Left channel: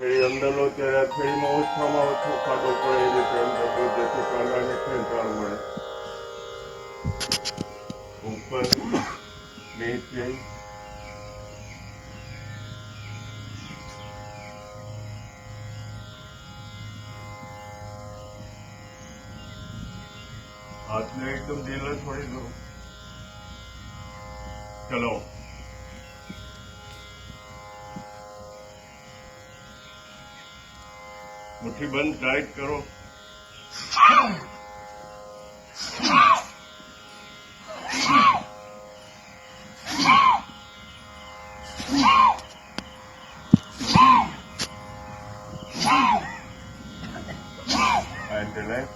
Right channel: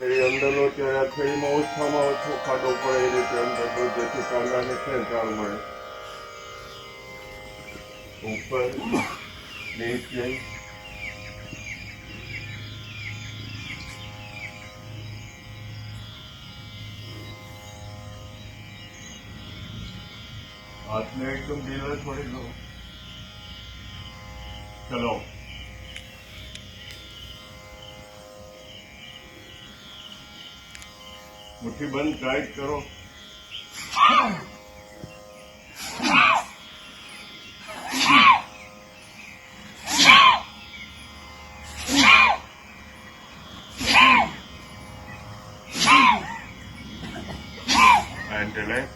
એ અંદરનો ત્યારે થેલીમાં ઓછામાં ઓછો ખાડો પડે એ રીતે અંદર તો જેથી કાંડાને ખેંચાણ મળે. ઉપર નીચે હાથને એકદમ ઢીલો છોડી દો. ચલો મુઠ્ઠી બંધ ટાઈટ કરો.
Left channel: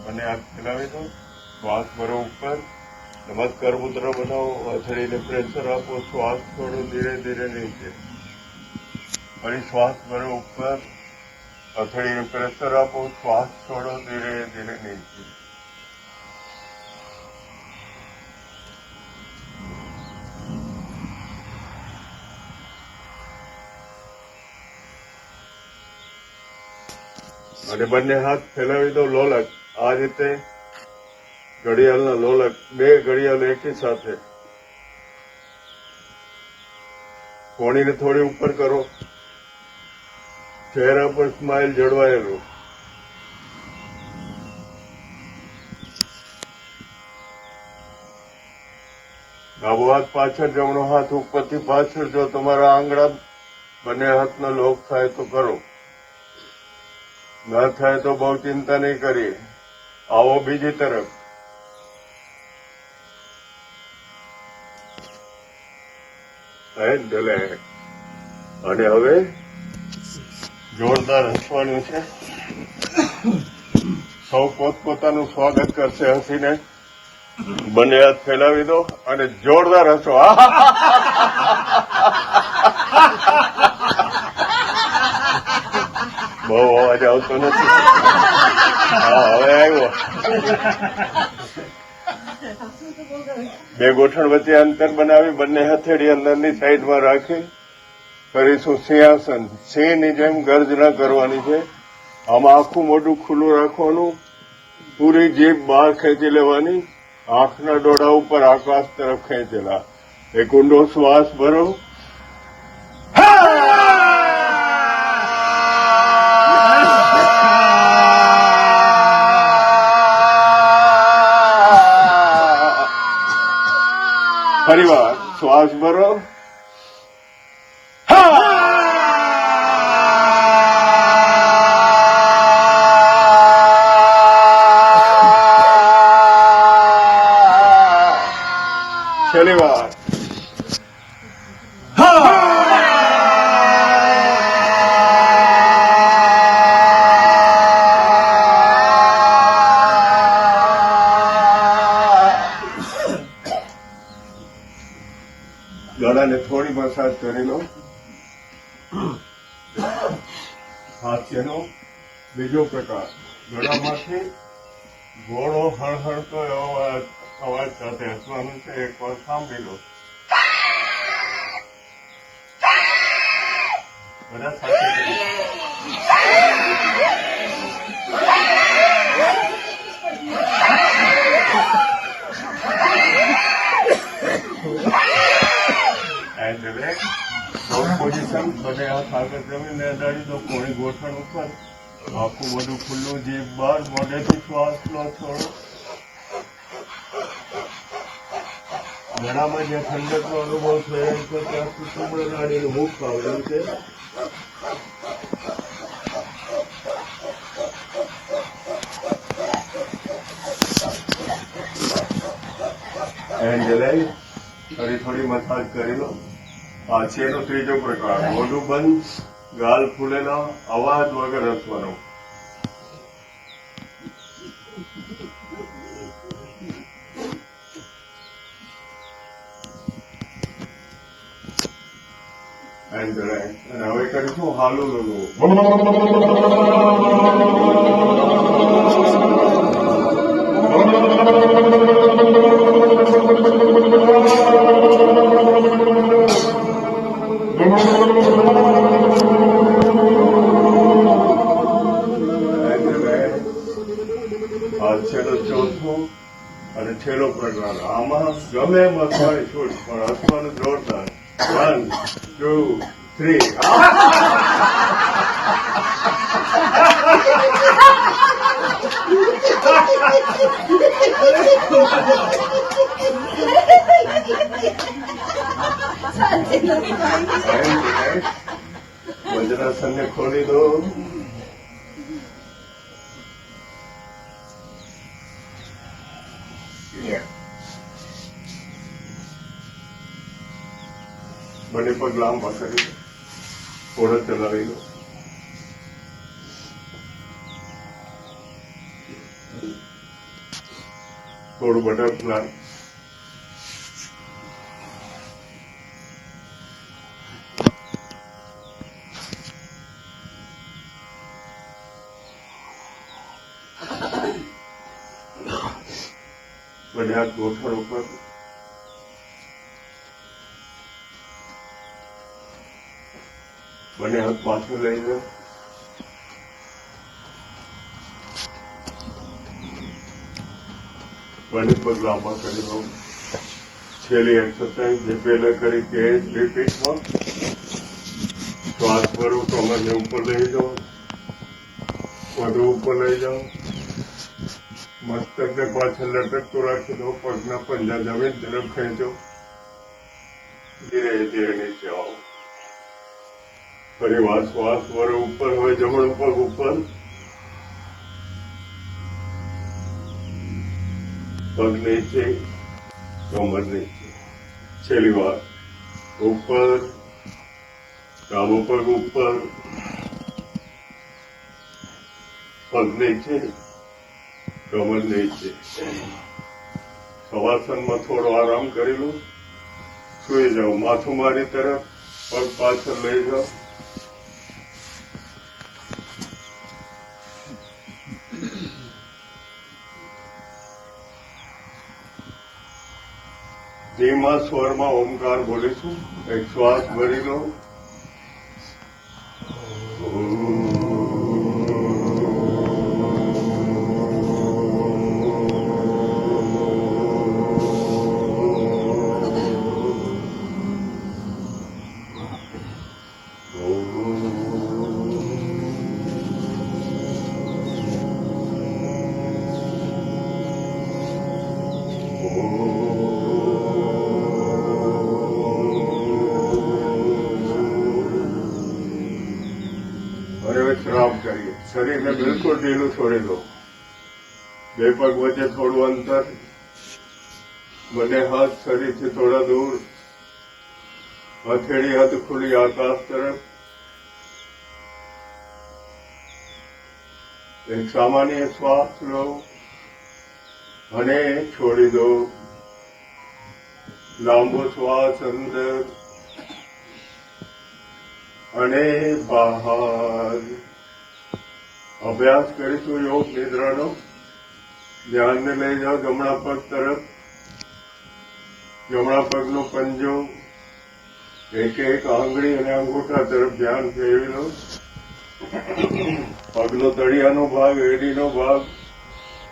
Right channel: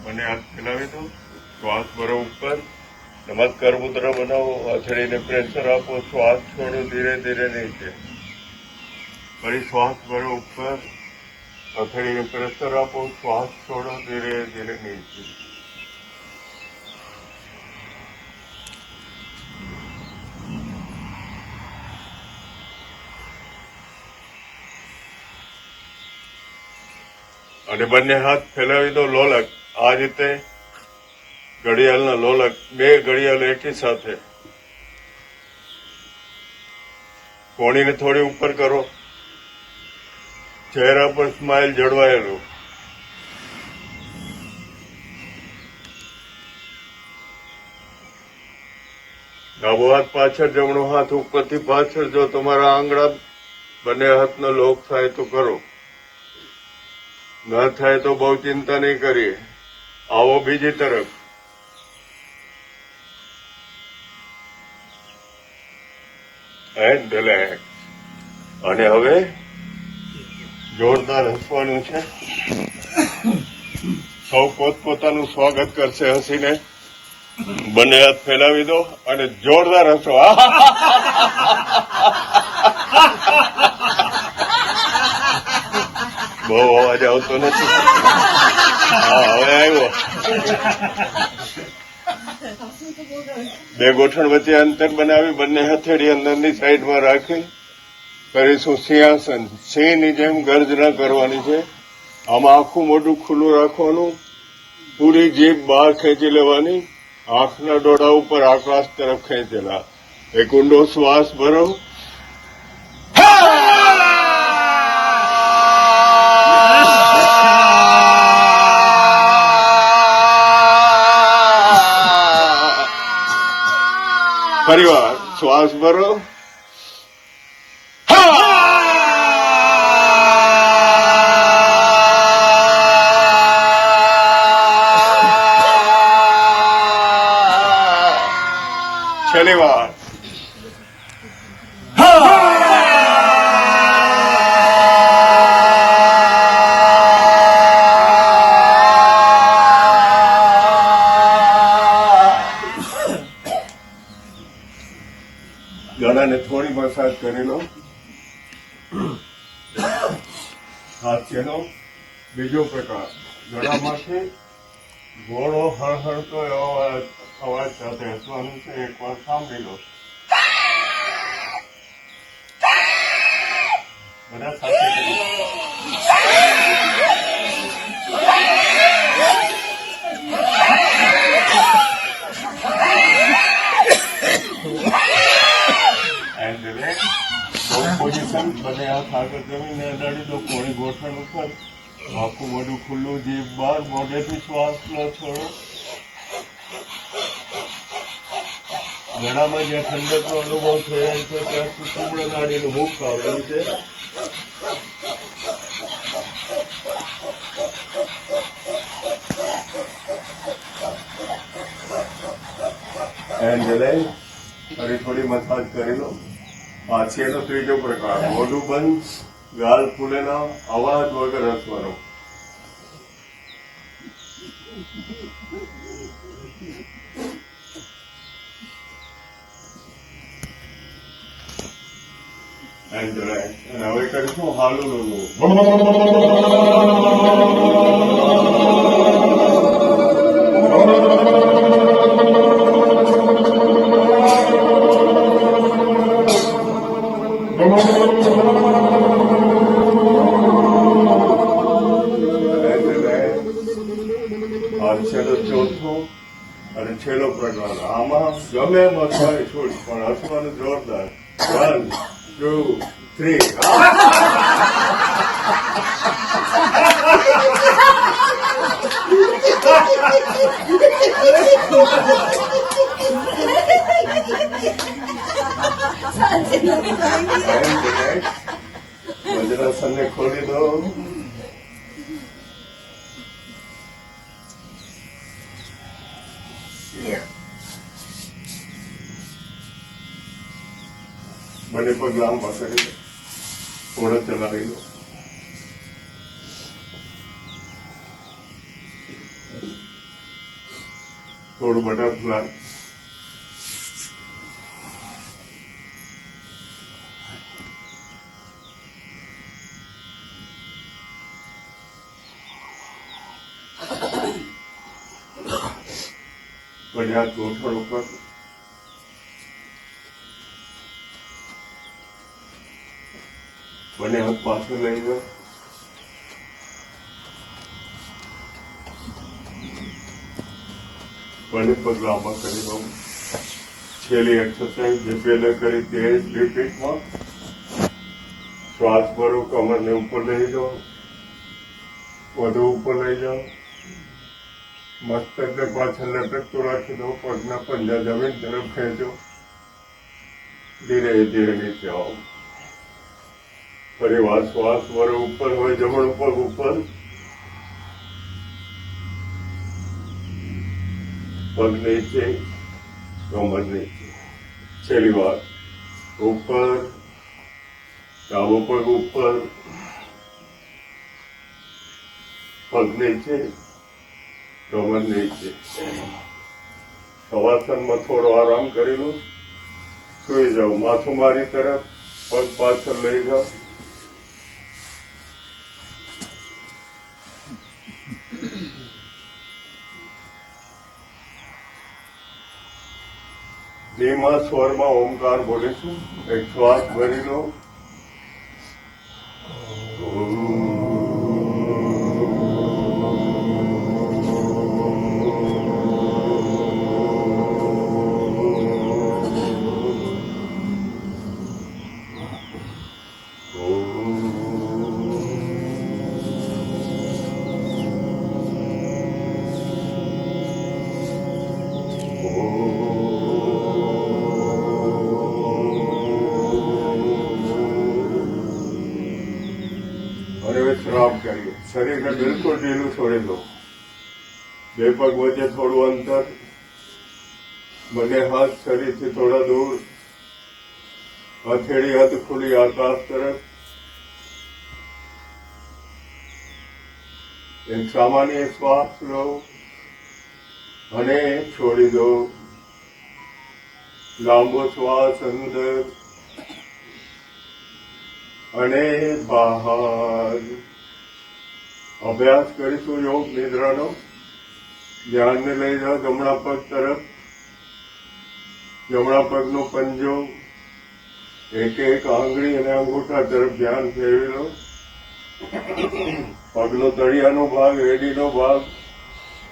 મને હાથ ફેલાવી દો. શ્વાસ ભરો ઉપર. નમસ્કાર મુદ્રા બનાવો. આછડીને પ્રેશર આપો. શ્વાસ છોડો ધીરે ધીરે નીચે. ફરી શ્વાસ ભરો ઉપર. આછડીને પ્રેશર આપો. શ્વાસ છોડો ધીરે ધીરે નીચે. અને બંને હાથ ફેલાવી દો. લોલક આ રીતે ઘડિયાળના લોલક, બે ઘડિયાળ એકી સાથે. કોણીને થોડી ઉપર કરો. ચહેરા પર સ્માઇલ જળવાયેલું. ડાબો હાથ પાછળ, જમણો હાથ ઉપરથી પાછળ. જો તમારા આંગળા બંને હાથનો લોક થાય તો કરો, ના થાય તો બહુ ચિંતા નહીં કરીએ. આવો બીજી તરફ. અને હવે જોરદાર હસવાનું છે. સૌ પોતપોતાનું સ્વાગત કરશે હસીને. બંને હાથ ફેલાવી દો અને જોરદાર હસો. બહુ અવાજ આવતો નથી. હા, હવે આવ્યો. બે ગોઠણ વચ્ચે અંતર બનાવી બંને હથેળી અંદરની સાઈડમાં રાખી કરીશું સિંહાસન. સિંહની જેમ ગર્જના કરવાની છે. આમાં આખું મોઢું ખુલ્લું રાખવાનું. પૂરી જીભ બહાર ખેંચી લેવાની. આંખના ડોળા ઉપર આકાશ તરફ ખેંચેલા. એક ઊંડો શ્વાસ ભરો. ફરી વાર શ્વાસ ભરો. છેલ્લી વાર. ગળાને થોડી મસાજ કરી લો. હાસ્યનો બીજો પ્રકાર. ગળામાંથી ઘોડો હળહળતો અવાજ સાથે હસવાનું છે. એક વાર સાંભળી લો. બધા સાથે પોઝિશન. બંને હાથ આગળ જમીને અડાડી દો. કોણી ગોઠણ ઉપર. આખું બધું ખુલ્લું. જીભ બહાર. મોઢેથી શ્વાસ લો. છોડો. ગળામાં જ્યાં ઠંડકનો અનુભવ થયો છે ત્યાંથી કુમળો નાડીને મુખ કાઢવાનું છે. થોડી મસાજ કરી લો. આ છે એનો ત્રીજો પ્રકાર. મોઢું બંધ, ગાલ ફૂલેલા, અવાજ વગર હસવાનો. and relax. And હવે કરીશું હાલું લુલું. છેલ્લો ચોથો અને છેલ્લો પ્રકાર. આમાં ગમે એમ હસવાની છૂટ, પણ હસવાનું જોરદાર. 1, 2, 3 વજ્રાસનને ખોલી દો. બંને પગ લાંબા કરી દો, ઓળખ ચલાવી દો. થોડું બટરફ્લાય. બંને હાથ ગોઠણ ઉપર. બંને હાથ પાછળ લઈ જાઓ. બંને પગ લાંબા કરી દો. છેલ્લી એક્સરસાઇઝ જે પહેલા કરી તે જ રિપીટમાં. શ્વાસ ભરો, કમરને ઉપર લઈ જાઓ, વધુ ઉપર લઈ જાઓ. મસ્તકને પાછળ લટકતું રાખી દો. પગના પંજા જમીન તરફ ખેંચો. ધીરે ધીરે નીચે આવો. ફરી વાર શ્વાસ ભરો, ઉપર હોય જમણું પગ ઉપર, પગ નીચે, કમર નીચે. છેલ્લી વાર ઉપર, ડાબો પગ ઉપર, પગ નીચે, કમર નીચે. શવાસનમાં થોડો આરામ કરી લો. સુઈ જાઓ. માથું મારી તરફ, પગ પાછળ લઈ જાઓ. ધીમા સ્વરમાં ઓમકાર બોલીશું. એક શ્વાસ ભરી લો. શ્રાપ કરીએ. શરીરને બિલકુલ ઢીલું છોડી દો. બે પગ વચ્ચે થોડું અંતર. બંને હાથ શરીરથી થોડા દૂર. હથેળી હાથ ખુલ્લી આકાશ તરફ. એક સામાન્ય શ્વાસ લો અને છોડી દો. લાંબો શ્વાસ અંદર અને બહાર. અભ્યાસ કરીશું યોગ નિદ્રાનો. ધ્યાનને લઈ જાઓ જમણા પગ તરફ. જમણા પગનો પંજો એક એક આંગળી અને અંગૂઠા તરફ ધ્યાન ફેરવી લો. પગનો તળિયાનો ભાગ, એડીનો ભાગ,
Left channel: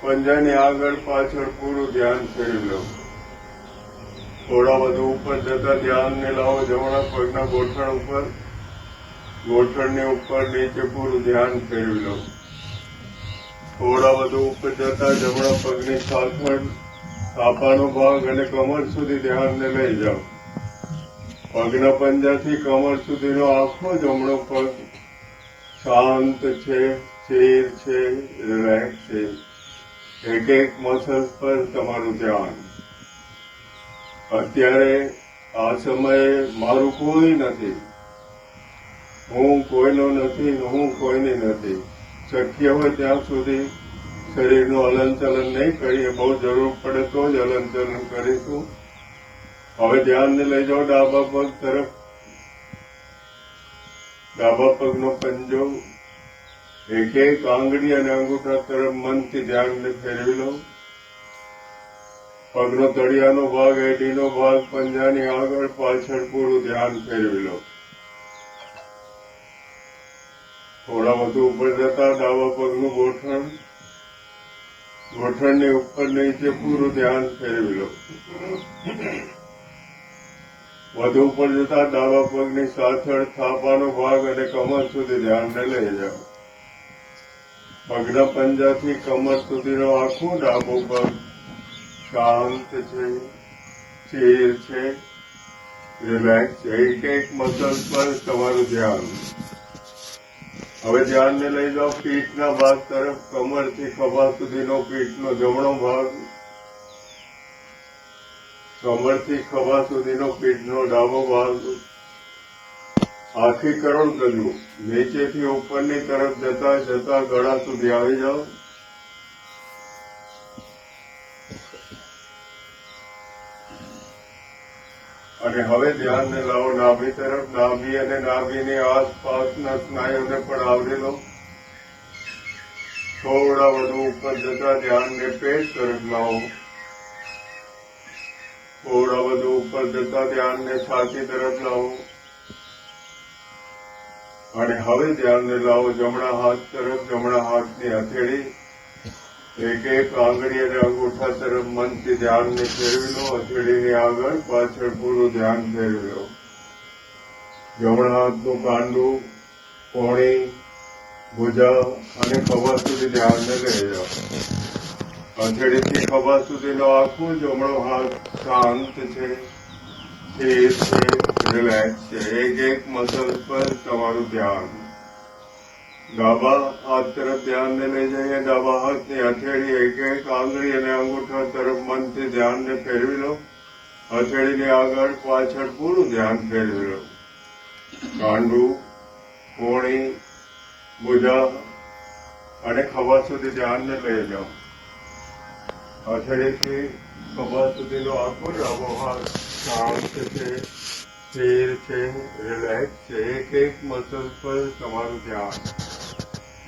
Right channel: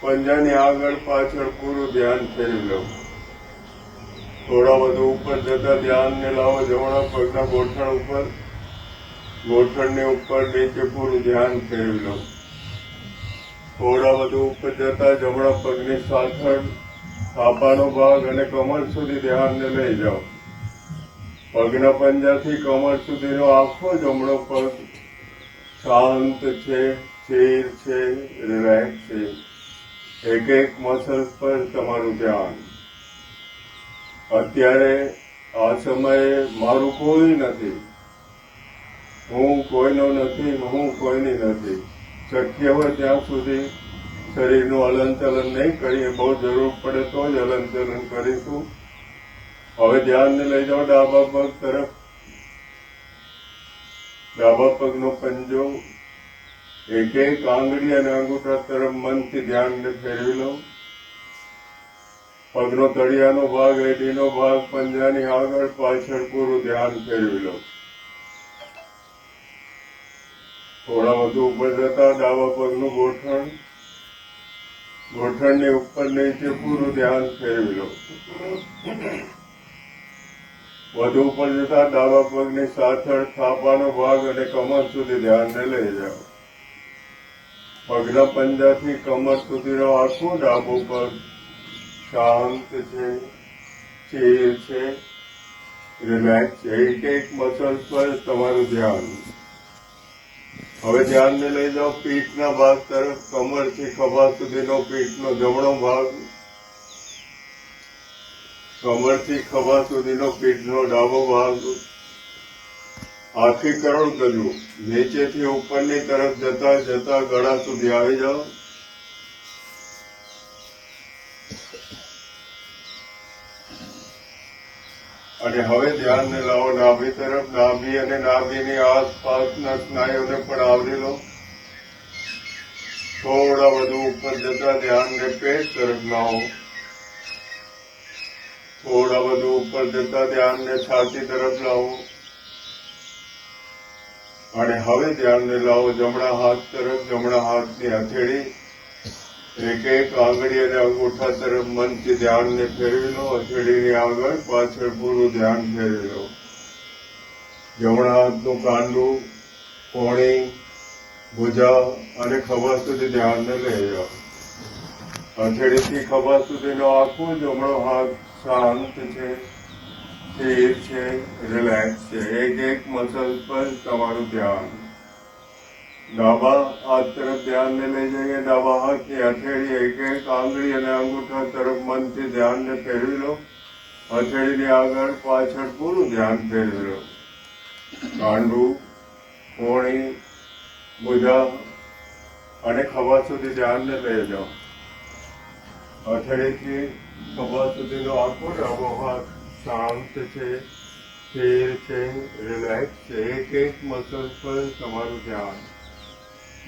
પંજાની આગળ પાછળ પૂરું ધ્યાન ફેરવી લો. થોડા વધુ ઉપર જતા ધ્યાનને લાવો જમણા પગના ગોઠણ ઉપર. ગોઠણની ઉપર નીચે પૂરું ધ્યાન ફેરવી લો. થોડા વધુ ઉપર જતા જમણા પગની પાછળ થાપાનો ભાગ અને કમર સુધી ધ્યાનને લઈ જાઓ. પગના પંજાથી કમર સુધીનો આખો જમણો પગ શાંત છે, સ્થિર છે, રિલેક્સ છે. એક એક મસલ્સ પર તમારું ધ્યાન. અત્યારે આ સમયે મારું કોઈ નથી, હું કોઈનો નથી, હું કોઈની નથી. શક્ય હોય ત્યાં સુધી શરીરનું હલનચલન નહીં કરીએ. બહુ જરૂર પડે તો જ હલનચલન કરીશું. હવે ધ્યાનને લઈ જાઓ ડાબા પગ તરફ. ડાબા પગનો પંજો એક એક આંગળી અને અંગૂઠા તરફ મનથી ધ્યાનને ફેરવી લો. પગનો તળિયાનો ભાગ, એડીનો ભાગ, પંજાની આગળ પાછળ પૂરું ધ્યાન ફેરવી લો. થોડા વધુ ઉપર જતા ડાબા પગનું ગોઠણ, ગોઠણની ઉપર નીચે પૂરું ધ્યાન ફેરવી લો. વધુ ઉપર જતા ડાબા પગની પાછળ થાપાનો ભાગ અને કમર સુધી ધ્યાનને લઈ જાઓ. પગના પંજાથી કમર સુધીનો આખો ડાબો પગ શાંત છે, સ્થિર છે, રિલેક્સ છે. એક મસલ પર તમારું ધ્યાન. હવે ધ્યાનને લઈ જાઓ પીઠના ભાગ તરફ. કમરથી ખભા સુધીનો પીઠનો જમણો ભાગ, કમરથી ખભા સુધીનો પીઠનો ડાબો ભાગ. હાથી કરોડ ગજુ નીચેથી ઉપરની તરફ જતા જતા ગળા સુધી આવી જાઓ. અને હવે ધ્યાનને લાવો નાભી તરફ. નાભી અને નાભીની આસપાસના સ્નાયુને પણ આવરી લો. થોડા વધુ ઉપર જતા ધ્યાનને પેટ તરફ લાવો. થોડા વધુ ઉપર જતા ધ્યાનને છાતી તરફ લાવો. અને હવે ધ્યાનને લાવો જમણા હાથ તરફ. જમણા હાથની હથેળી એક એક આંગળી અને અંગૂઠા તરફ મનથી ધ્યાનને ફેરવી લો. હથેળીની આગળ પાછળ પૂરું ધ્યાન ફેરવી લો. જમણા હાથનું કાંડું, કોણી, ભુજા અને ખભા સુધી ધ્યાનને લઈ જાઓ. હથેળીથી ખભા સુધીનો આખો જમણો હાથ શાંત છે, સ્થિર છે, રિલેક્સ છે. એક મસલ પર તમારું ધ્યાન. ડાબા હાથ તરફ ધ્યાનને લઈ જઈએ. ડાબા હાથની હથેળી એક આંગળી અને અંગૂઠા તરફ મનથી ધ્યાનને ફેરવી લો. હથેળીની આગળ પાછળ પૂરું ધ્યાન ફેરવી લો. કાંડું, કોણી, ભુજા અને ખભા સુધી ધ્યાનને લઈ જાઓ. હથેળીથી ખભા સુધીનો આખો ડાબો હાથ શાંત છે, સ્થિર છે, રિલેક્સ છે. એક મસલ પર તમારું ધ્યાન.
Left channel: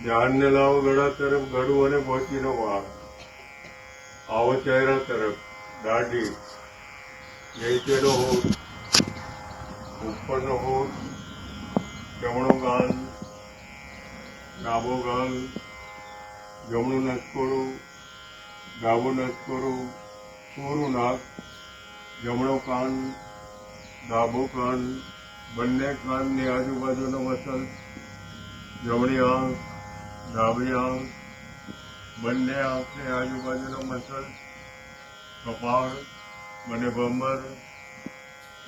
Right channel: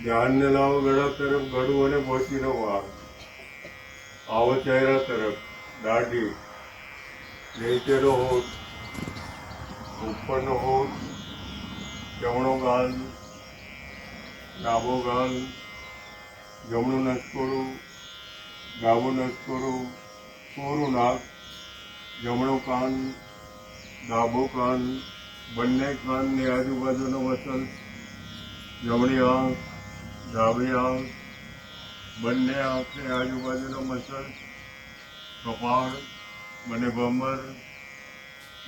ધ્યાનને લાવો ગળા તરફ. ગળું અને મોતીનો ભાગ. આવો ચહેરા તરફ. દાઢી, નીચેનો હોઠ, ઉપરનો હોઠ, જમણો ગાલ, ડાબો ગાલ, જમણું નસકોડું, ડાબું નસકોડું, પૂરું નાક, જમણો કાન, ડાબો કાન, બંને કાનની આજુબાજુનો મસલ, જમણી આંખ, ડાબી આંખ, બંને આંખની આજુબાજુનો મસલ, કપાળ અને ભમર,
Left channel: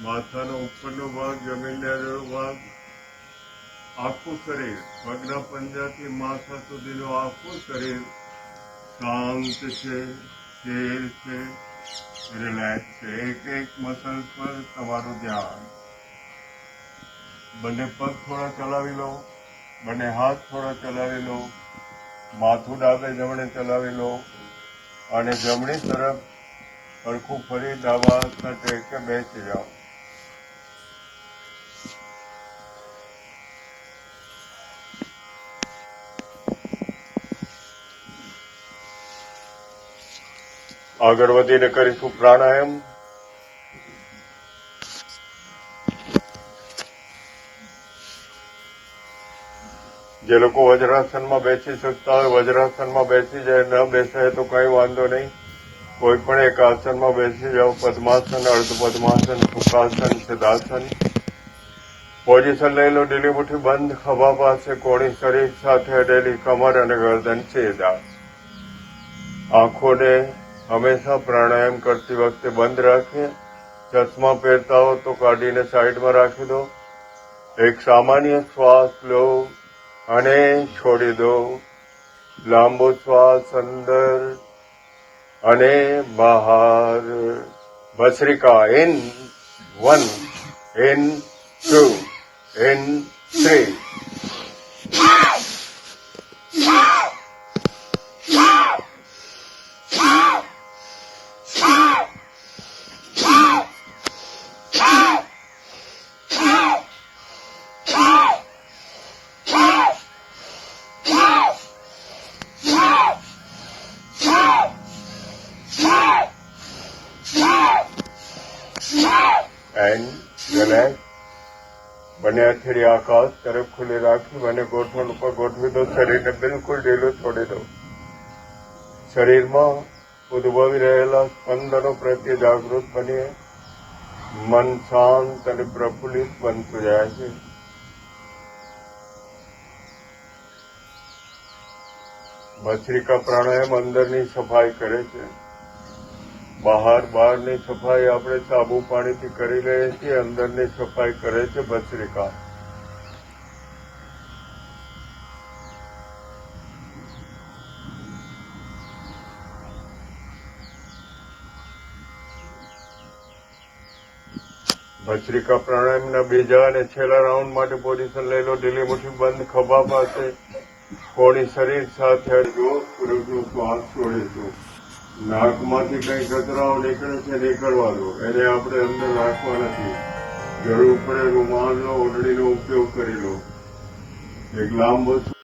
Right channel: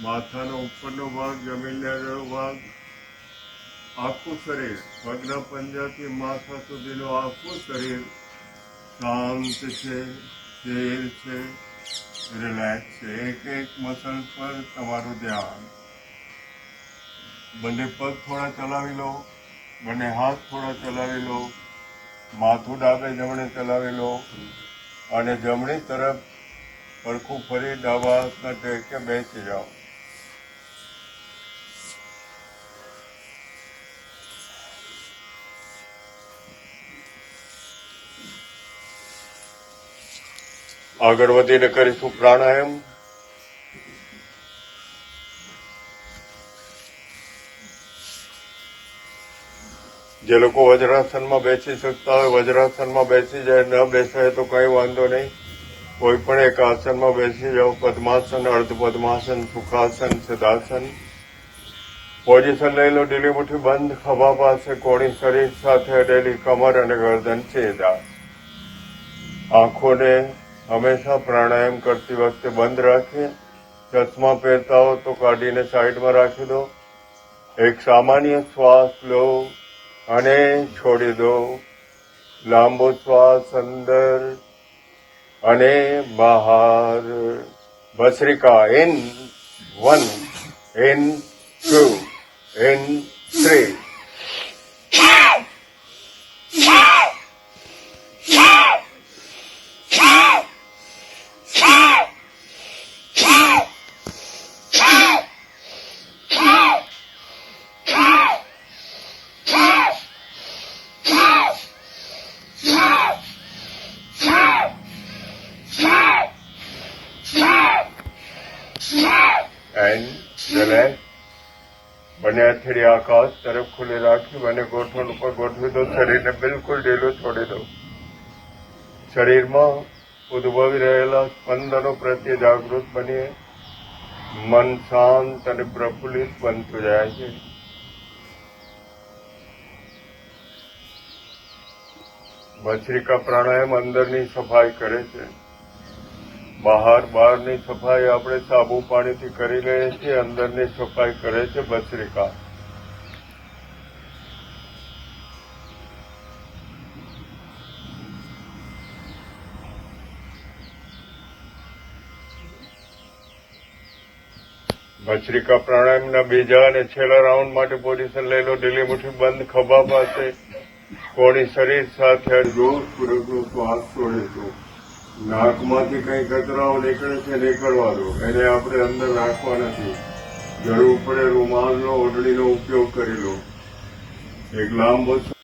માથાનો ઉપરનો ભાગ, જમીનનો અડધો ભાગ, આખું શરીર. પગના પંજાથી માથા સુધીનું આખું શરીર શાંત છે, સ્થિર છે, રિલેક્સ છે. એક મસલ પર તમારું ધ્યાન. બંને પગ થોડા ચલાવી લો. બંને હાથ થોડા ચલાવી લો. માથું ડાબે જમણે ચલાવી લો. અને જમણી તરફ સરખું ફરી ડાબા હાથના ટેકે બેસી જાઓ. આગળ વધીને કરીશું પ્રાણાયામ. જે લોકો વજ્રાસનમાં બેસી શકતા હોય વજ્રાસનમાં બેસી જાય. ન બેસાય તો કઈ વાંધો નહીં. કોઈ પણ એક આસનમાં બેસી જાઓ. પદ્માસન, અર્ધ પદ્માસન, સુખાસન, સિદ્ધાસન. પોઝિશન લઈ લો. ઢીલી મુઠ્ઠી બંધ. ખભા પાસે કોણી શરીર સાથે અડેલી કમર અને ગરદન સીધા. આંખોને હંમેશા પ્રાણાયામ કરતી વખતે બંધ રાખીએ. ચશ્મા પહેરતા હો તો કાઢીને સાઈડમાં રાખી દો. એક સામાન્ય શ્વાસ લો અને છોડી દો. લાંબો શ્વાસ અંદર અને બહાર. ભસ્રિકા. In 1, in 2, in 3. બંને હથેળી આકાશ તરફ ખુલ્લી રાખી અને ગોઠવણ ઉપર ગોઠવી દો. શરીરને બિલકુલ ઢીલું છોડી દો. શરીરમાં ઉદ્ભવી રહેલા સ્પંદનો પ્રત્યે જાગૃત બનીએ મન શાંત અને પ્રફુલ્લિત બનતું જાય છે. ભસ્ત્રિકા પ્રાણાયામ અંદરની સફાઈ કરે છે. બહારની સફાઈ આપણે સાબુ પાણીથી કરી લઈએ છીએ. અંદરની સફાઈ કરે છે ભસ્ત્રિકા. ભસ્ત્રિકા પ્રાણાયામના બીજા અને છેલ્લા રાઉન્ડ માટે પોઝિશન લઈ લો. ઢીલી મુઠ્ઠી બંધ ખભા પાસે. કોણી શરીર સાથે જોરપૂર્વકનો શ્વાસ છોડીશું. નાકમાંથી કંઈ કચરાઓ નીકળે છે નીકળવા દો. એને આપણે અંદર રાખવા નથી. જરૂર પડે રૂમાલનો ઓઢણીનો ઉપયોગ કરી લો. એક લાંબો